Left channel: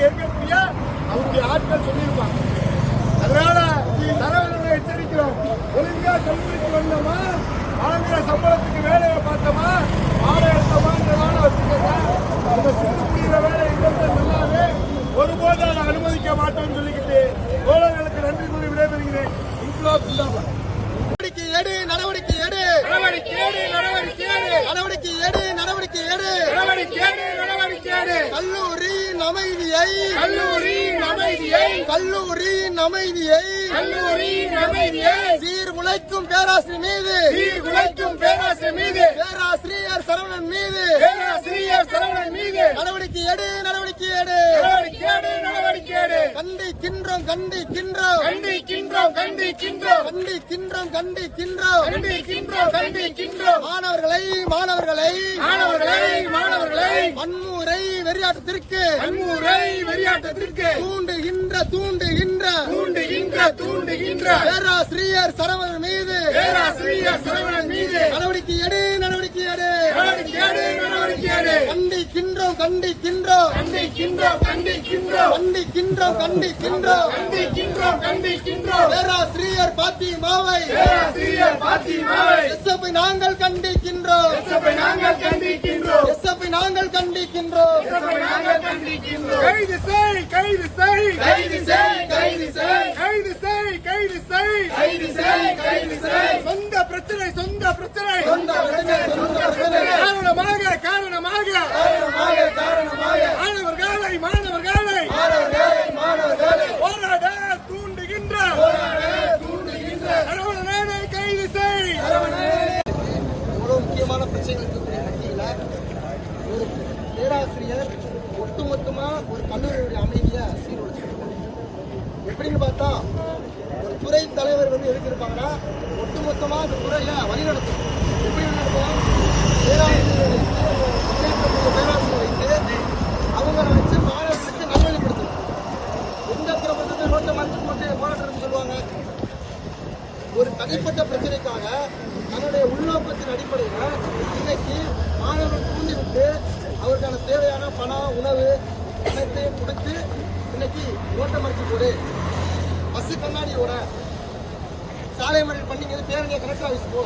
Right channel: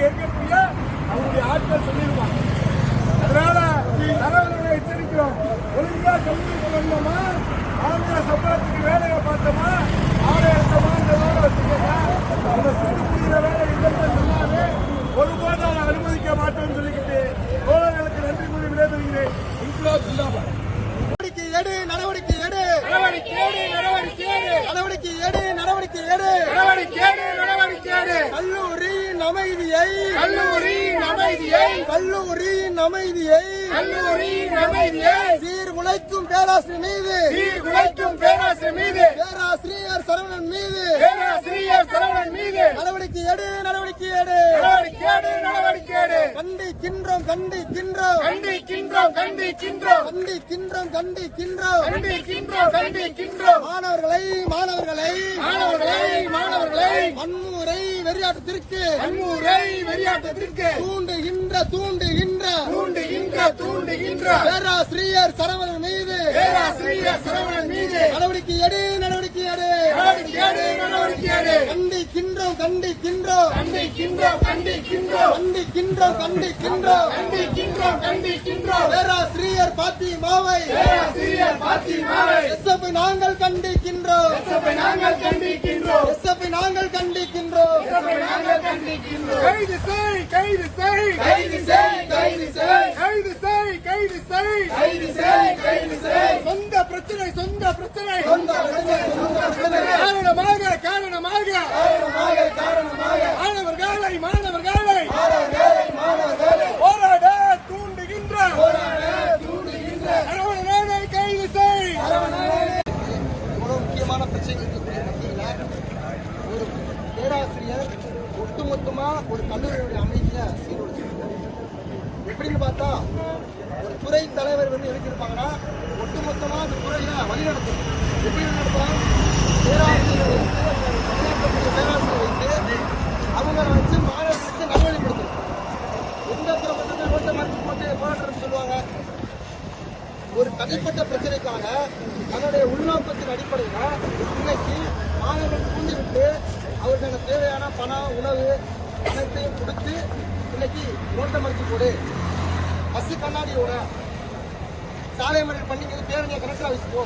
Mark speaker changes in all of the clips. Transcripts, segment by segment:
Speaker 1: இங்க இருக்கக்கூடிய அவருடைய ஆட்கள் சொல்லியிருப்பாங்க? அதனால தரவுகளை எச்சரிக்கிறோம். ஒழுங்கா கல்லூரிக்கு வந்தோமா? வாங்குற சம்பளத்துக்கு வேலையை பார்த்தோமா? ஆடை எடுத்தோமான்றதால வச்சுக்கோங்க அந்த சுற்றுப்புற வேலை இல்லைன்னு சொன்னாலே ஒருபோது அதை அனுமதிக்க மாட்டேன்னு சொல்லிக்கிட்டு தோழர்களுக்கு நன்றி கூறி விடைபெறுகிறேன். இன்குலாப்
Speaker 2: நடவடிக்கை எடு நடவடிக்கை எடு.
Speaker 1: நடவடிக்கை எடு, நடவடிக்கை எடு.
Speaker 2: நடவடிக்கை எடு நடவடிக்கை எடு.
Speaker 1: நடவடிக்கை எடு, நடவடிக்கை எடு.
Speaker 2: அமைதியை
Speaker 1: கல்லூரியின் அமைதியை
Speaker 2: கல்லூரியின் அமைதியை
Speaker 1: கல்லூரியின் அமைதியை
Speaker 2: சீர்குலைக்கும் பேராசிரியர் மீது
Speaker 1: சீர்குலைக்கும் பேராசிரியர் மீது
Speaker 2: பேராசிரியர் சரவணன் மீது
Speaker 1: பேராசிரியர் சரவணன் மீது
Speaker 2: நடவடிக்கை எடு நடவடிக்கை எடு.
Speaker 1: நடவடிக்கை எடு, நடவடிக்கை எடு.
Speaker 2: கண்டிக்கின்றோம் கண்டிக்கின்றோம்.
Speaker 1: கண்டிக்கின்றோம் கண்டிக்கின்றோம்.
Speaker 2: கண்டிக்கின்றோம் கண்டிக்கின்றோம்.
Speaker 1: கண்டிக்கின்றோம் கண்டிக்கின்றோம்.
Speaker 2: மாணவர்களை மாணவர்களை.
Speaker 1: மாணவர்களை மாணவர்களை.
Speaker 2: வன்முறை வெறியாட்டத்திற்கு
Speaker 1: வன்முறை வெறியாட்டத்திற்கு
Speaker 2: தூண்டுகின்ற தூண்டுகின்ற
Speaker 1: தூண்டுகின்ற தூண்டுகின்ற
Speaker 2: பேராசிரியர் சரவணன் மீது
Speaker 1: பேராசிரியர் சரவணன் மீது
Speaker 2: நடவடிக்கை எடு நடவடிக்கை கண்டிக்கின்றோம் கண்டிக்கின்றோம்
Speaker 1: கண்டிக்கின்றோம் கண்டிக்கின்றோம்
Speaker 2: கண்டிக்கின்றோம் கண்டிக்கின்றோம்
Speaker 1: கண்டிக்கின்றோம் கண்டிக்கின்றோம்
Speaker 2: பேராசிரியர் பாத்திமாவை.
Speaker 1: பேராசிரியர் பாத்திமாவை.
Speaker 2: எஸ்எஃப்ஐ நாங்கள் கண்டிக்கின்றோம்.
Speaker 1: எஸ்எஃப்ஐ நாங்கள் கண்டிக்கின்றோம்.
Speaker 2: எஸ்எஃப்ஐ நாங்கள் கண்டிக்கின்றோம்.
Speaker 1: கைது செய் கைது செய் கைது செய் கைது செய் கைது செய் கைது செய் கைது செய் கைது செய் சொந்த பிரச்சனை சொந்த பிரச்சனை
Speaker 2: சொந்த பிரச்சனை, சொந்த பிரச்சனை.
Speaker 1: காரணமாக காரணமாக
Speaker 2: காரணமாக காரணமாக
Speaker 1: மாணவர்களை மாணவர்களை
Speaker 2: மாணவர்களை மாணவர்களை
Speaker 1: போராட தூண்டுகின்ற
Speaker 2: தூண்டுகின்ற
Speaker 1: சரவணனை கைது செய்
Speaker 2: இவ்வளவு முக்கியமான பிரச்சனைகள் இருக்கக்கூடிய மத்தியில ஒரு பேராசிரியர் ஒட்டுமொத்தமாக ஒரு கல்லூரியுடைய அமைதியை சீர்குலைச்சிருக்காங்க எப்படின்னு பார்த்தா ஒரு துறை தலைவர் வந்து எதுக்கு இருப்பாங்கன்னா ஒட்டுமொத்தமா அந்த துறையில் வழிநடத்தும் எப்படி நடத்தணும் பேராசிரியர் பணியாற்றக்கூடிய பேராசிரியர் வைத்து அவங்க வச்சு மாணவர்களுக்கு நல்வழிப்படுத்தணும். எந்த பிரபலத்தை ரோட்டை மறைச்சு போட்டு போராட்டம் சொல்லுவாங்க. ஒரு தனிப்பட்ட பிரச்சனைக்காக தன்னுடைய உள்நோக்கத்தின் அடிப்படையில் இன்னைக்கு மாணவர்கள் தூண்டிவிட்டு அவருக்கான தேவையான பணம் உணவு அனைத்தையும் கொடுத்து இன்னைக்கு ரோட்டை மறைச்சு போடு பஸ்ஸு கண்ணாடியோட சாலை மறியல் பண்ணி இங்க பேரணியை கலெக்டர் ஆஃபீஸ் போ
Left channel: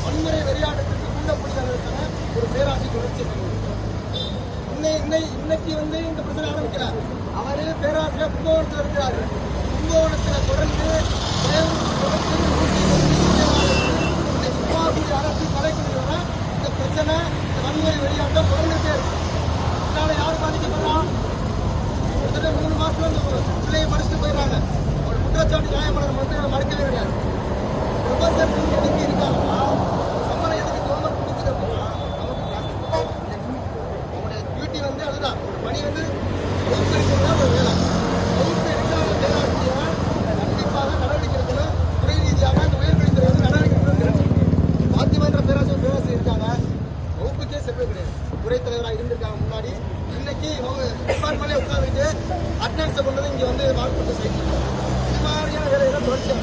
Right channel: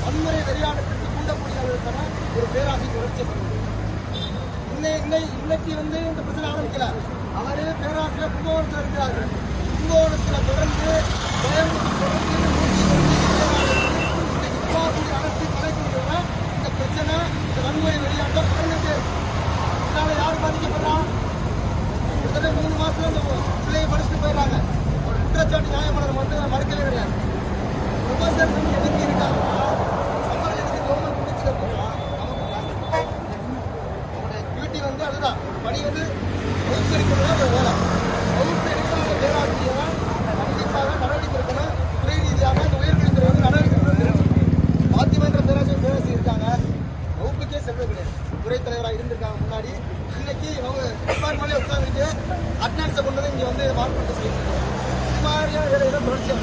Speaker 2: வன்முறை வெளியாடத்துக்கு தூண்டக்கூடிய ஒரு பேராசி தொடர்ச்சி பண்ணுது இன்னை- இன்னை- இன்னைக்கு வந்து இந்த பிரச்சனை ஆரம்பிக்கிறார் அவரே பேராசிரியர் கும்பகோணத்தில் இருக்கிறார் கும்பகோணத்தில் தொடர்ந்து கோயம்புத்தூர் தொடர்ந்து அரசு கலைக்கூடிய இந்த பிரச்சனை இந்த வன்முறை வெளியாட்டம் தொடர்ந்துட்டே இருக்கு. இதனால யார் பாதிக்கப்படுறா கிட்டத்தட்ட மூணு மாசம் அந்த பிள்ளையை படிச்சுட்டு போயிடறாங்க. அவர் குற்றச்சாட்டு நியாயப்படுற மருந்து மறுக்கவே கிடையாது. ப்ரொஃபசர் வந்து எதுக்கு இருக்காங்கன்னா அவங்க எதுக்கு கவர்மெண்ட் முடிச்சு அப்படின்னா நமக்கு அவருடைய டியூட்டி வந்து அதுதான். ஒரு பணி வந்து வகுப்பு எடுக்கிறது தான் ஒரு வேலை வகுப்பு எடுக்க பேராசிரியர் கண்டிப்பாக நடவடிக்கை செல்வம் துறை தலைவராக இருந்திருக்காங்க முன்னாடி. இன்னைக்கு அவங்க டிபார்ட்மெண்ட்லேயே உட்காந்துட்டு அட்டனன்ஸை இங்கே வந்து மார்க்பட்டு செய்யணும் இது மாதிரியான வேலையெல்லாம் தொடர்ச்சியாக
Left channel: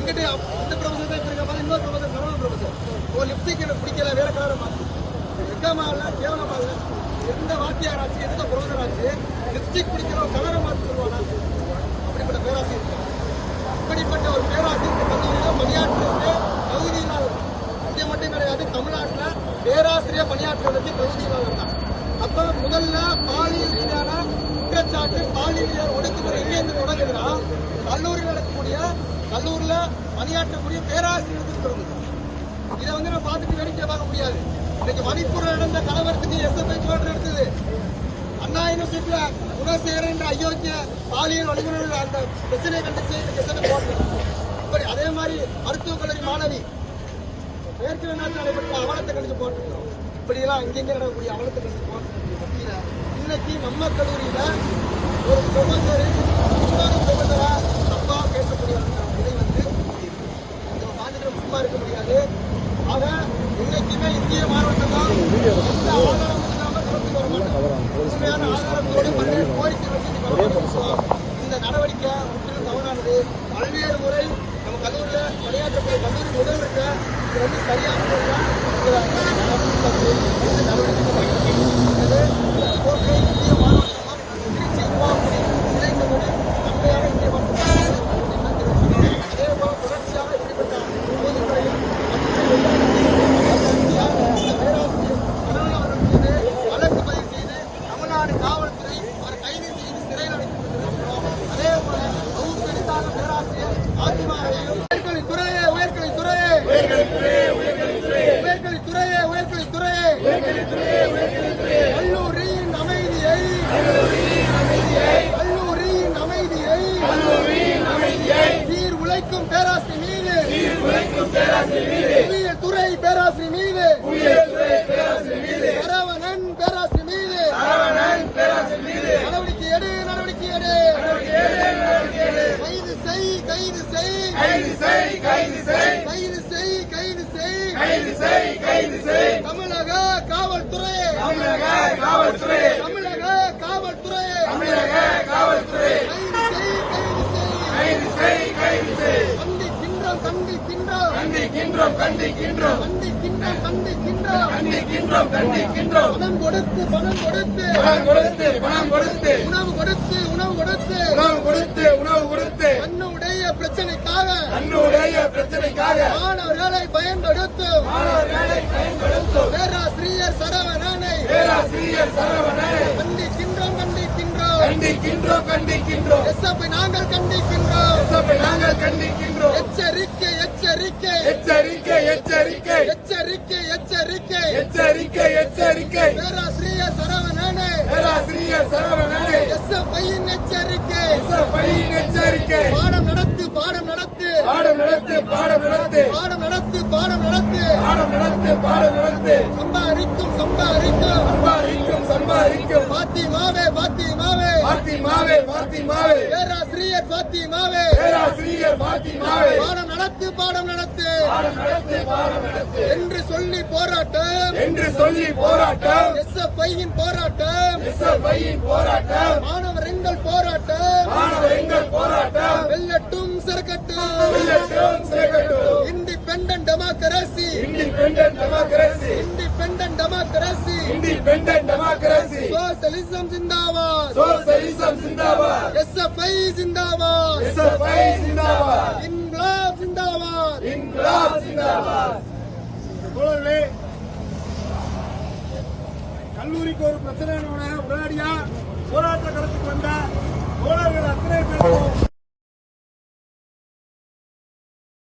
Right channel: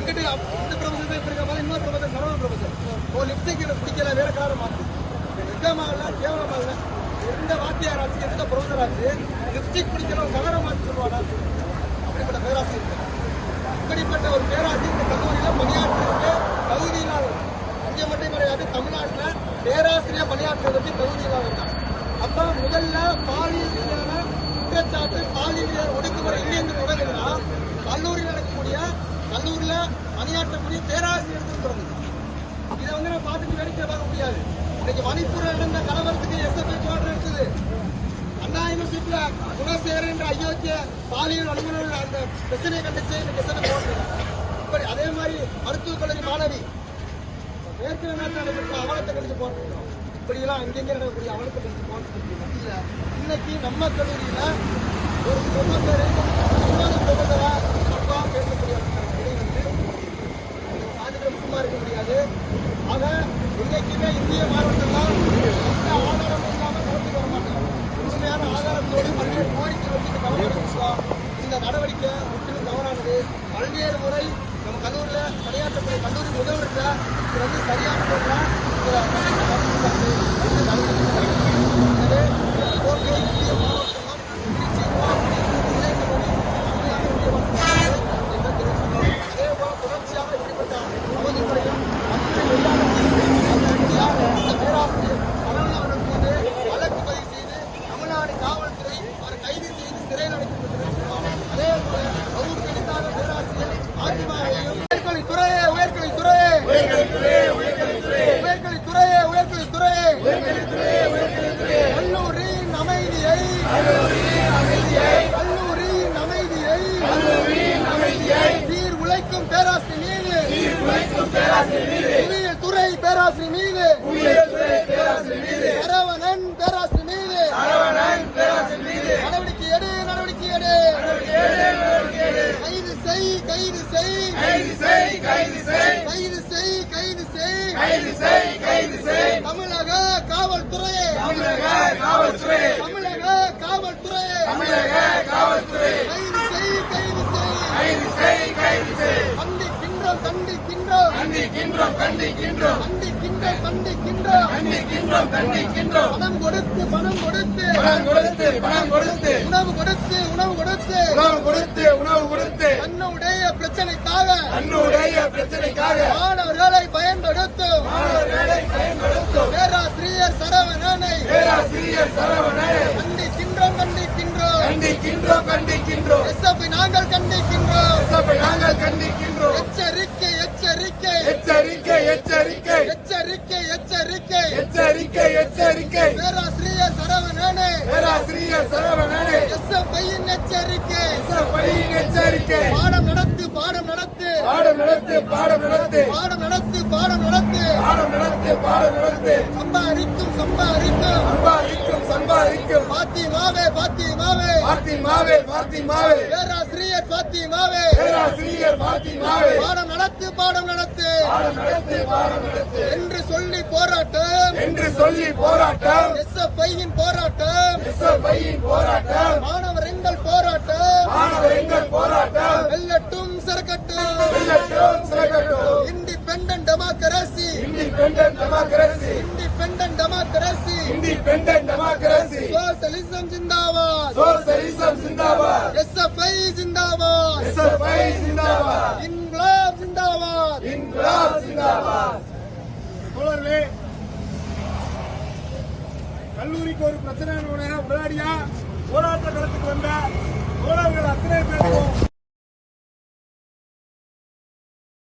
Speaker 2: இங்கிட்டு இந்த பிரபஞ்சம் இப்படி மாதிரி இன்னொரு பிரபஞ்சம் கனவு பிரபஞ்சம். ஓ லிப்ஸ்டிக் பிடிக்கல வேற கலரை மாற்றி வெக்கமாக இல்லை கேவலமாக இல்லை. எந்த வாத்தியாராச்சு எந்த புரோதராச்சு லிப்ஸ்டிக் பிடிக்கிற கலரை மாற்றி சொல்லுவானா? அப்படிப்பட்ட பேராசி இப்படிப்பட்ட ஒரு பேராசி இந்த பகுதியில் பணியாற்றுவதற்கு இங்க மட்டும் கிடையாது தமிழ்நாட்டில் பேராசிரியர் பணியாற்றுவதற்கு தகுதி அப்போ தான். அப்ப முதல்ல பாலியல் மீதான குற்றச்சாட்டு பாலியல் மீதான ஒடுக்குமுறை எங்கிருந்து தொடங்குதுன்னா கல்லூரி நடக்கக்கூடிய கல்லூரியில பணியாற்றக்கூடிய பேராசிரியர்களுக்கு தொடங்குது. இதை வந்து நம்ம பார்த்துட்டு வேடிக்கை பார்க்க முடியாது. இன்னைக்கு மணிப்பூர் நடந்த கலவரத்துக்கு எஸ்எஃப்ஐ போராட்டம் நடத்துது அண்ணா யூனிவர்சிட்டியில குணசேகரன் என்ற அயோக்கிய பாலியல் வல்லுநர்கள் அந்த பிரச்சனை கண்டித்து எஸ்எஃப்ஐ போராட்டம் இப்படி அதே மாதிரி மருத்துவக் கல்லூரி மாணவி ஏற்கனவே நாட்டில் நடைபெற்ற அவலத்தை கண்டித்து போட்டிருக்கோம் இப்படிலாம் இங்கெங்க நடக்கக்கூடிய அவலத்தை கண்டித்து போட்டிருக்கக்கூடிய இன்னைக்கு நம்ம கல்லூரியில ஒரு பிரபந்தரை இன்னொரு பிரபந்தரை தப்பா பேசக்கூடிய அந்த நிலை வந்து நம்ம சும்மா இருக்க முடியாது. ஆக இன்னைக்குமே இந்திய மாணவர்கள்லாம் எந்த ஆதாரமும் இல்லாம கலந்து வர மாட்டோம் உண்மையான ஆதாரத்தோடு பல்வேறு கோரிக்கை வச்சு இந்த கவனம் இந்த நடவடிக்கை முற்றிலும் தவறானது. பல்வேறு முறை கல்லூரியில் உரையாற்றக்கூடிய கல்லூரி முதல்வர்கிட்ட இது வந்து சரியான முறையில் நடவடிக்கை போட்டு இந்திய கல்லூரியின் அமைதியை கல்லூரியின் அமைதியை சீர் உழைக்கும் பேராசிரியர் மீது துறை பேராசிரியர் மீது கைது செய் கைது செய். தமிழக காவல்துறை. தமிழக காவல்துறை. தமிழக காவல்துறை. கைது செய் கைது செய். கண்டிக்கின்றோம் கண்டிக்கின்றோம்.
Speaker 1: கண்டிக்கின்றோம் கண்டிக்கின்றோம்.
Speaker 2: கண்டிக்கின்றோம் கண்டிக்கின்றோம்.
Speaker 1: கண்டிக்கின்றோம் கண்டிக்கின்றோம்.
Speaker 2: பணம் கொடுத்து பணம் கொடுத்து.
Speaker 1: பணம் கொடுத்து பணம் கொடுத்து.
Speaker 2: உணவு கொடுத்து உணவு கொடுத்து.
Speaker 1: உணவு கொடுத்து உணவு கொடுத்து.
Speaker 2: தன்னுடைய பிரச்சனைக்காக.
Speaker 1: தன்னுடைய பிரச்சனைக்காக.
Speaker 2: மாணவர்களை பயன்படுத்தும். பேராசிரியர் சரவணனை.
Speaker 1: பேராசிரியர் சரவணனை.
Speaker 2: கண்டிக்கின்றோம் கண்டிக்கின்றோம்.
Speaker 1: கண்டிக்கின்றோம் கண்டிக்கின்றோம்.
Speaker 2: எஸ்எஃப் நாங்கள் கண்டிக்கின்றோம்.
Speaker 1: சபை நாங்கள் கண்டிக்கின்றோம்.
Speaker 2: எச்சரிக்கை எச்சரிக்கை.
Speaker 1: எச்சரிக்கை எச்சரிக்கை.
Speaker 2: எச்சரிக்கை எச்சரிக்கை.
Speaker 1: எச்சரிக்கை எச்சரிக்கை.
Speaker 2: பேராசிரியர் சரவணனை.
Speaker 1: பேராசிரியர் சரவணனை.
Speaker 2: எஸ்எஃப் எச்சரிக்கை.
Speaker 1: பையின் எச்சரிக்கை.
Speaker 2: பாடம் நடத்து பாடம் நடத்து.
Speaker 1: பாடம் நடத்து பாடம் நடத்து.
Speaker 2: பாடம் நடத்து பாடம் நடத்து.
Speaker 1: பாடம் நடத்து பாடம் நடத்து.
Speaker 2: சம்பாதிக்கும் சம்பாதிக்கும்.
Speaker 1: சம்பாதிக்கும் சம்பாதிக்கும்.
Speaker 2: பாத்திமாவே பாத்திமாவே.
Speaker 1: பாத்திமாவே பாத்திமாவே.
Speaker 2: பேராசிரியர் பாத்திமாவே.
Speaker 1: பேராசிரியர் பாத்திமாவே.
Speaker 2: பாடம் நடத்து பாடம்
Speaker 1: பாடம் நடத்து.
Speaker 2: என்று சொல்லி போராட்டம்.
Speaker 1: என்று சொல்லி போராட்டம்.
Speaker 2: எஸ்எஃப்ஐயின் போராட்டம்.
Speaker 1: பையின் போராட்டம்.
Speaker 2: மாணவர் எங்கள் போராட்டம்.
Speaker 1: மாணவர் எங்கள் போராட்டம்.
Speaker 2: வெல்லட்டும் சிறக்கட்டும்.
Speaker 1: வெல்லட்டும் சிறகட்டும்
Speaker 2: independent democracy
Speaker 1: independent democracy
Speaker 2: independent democracy
Speaker 1: independent democracy
Speaker 2: socialism zindabad
Speaker 1: socialism சிந்தாபாத்
Speaker 2: எஸ்எஃப்ஐ ஜிந்தாபாத்
Speaker 1: எஸ்எஃப்ஐ சிந்தாபாத்
Speaker 2: இன்குலாப் ஜிந்தாபாத்
Speaker 1: இன்குலாப் சிந்தாபாத். தோழர்களே கல்லூரிக்கு ஒரு பிரச்சனை உடனடியா போராட்ட களத்துக்கு வந்த தோழர்கள் அத்தனை பேருக்கும்